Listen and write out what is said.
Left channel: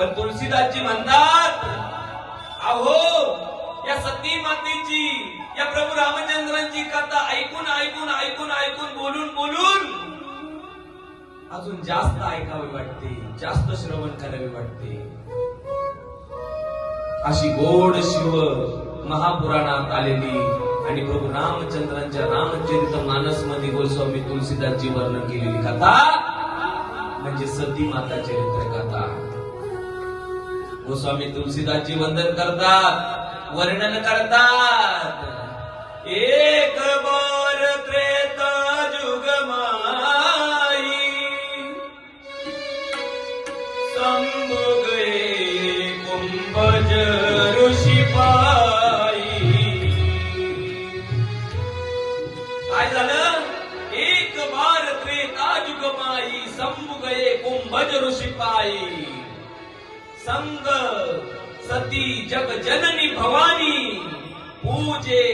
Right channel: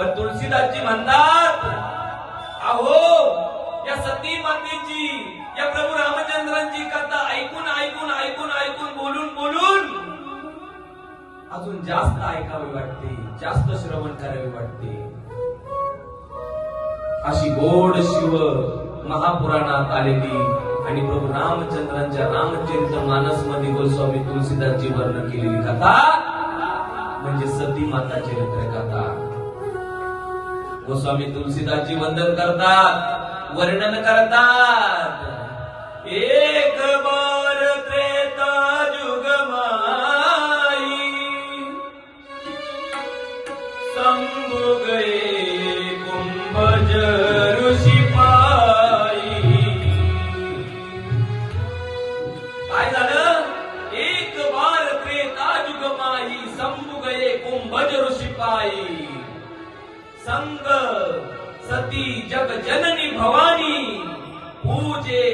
पण तुलसीदासजी म्हणतात, अहो या सती मातेची, या प्रभू रामचंद्रांची कथा ऐकून ऐकून ऐकून ऐकून बोलून बोलून अजून जास्त ऐकावी वाटते, जास्त श्रवण करावे वाटते. अशी गोड शिव महापुराणात आलेली आणि प्रभू रामचंद्रांच्या रामचरित मानस मध्ये गोस्वामी तुलसीदासजी वर्णन केलेली कथा म्हणजे सती माता चरित्र कथा. गोस्वामी तुलसीदासजी वंदन करतात, वर्णन करतात. एक बार त्रेता जुग माई शंभु गए कुंभज ऋषी पाई. काय झालं? एक बार त्रेता जुग माई शंभु गए कुंभज ऋषी पाई. संग सती जग जननी भवानी पूजे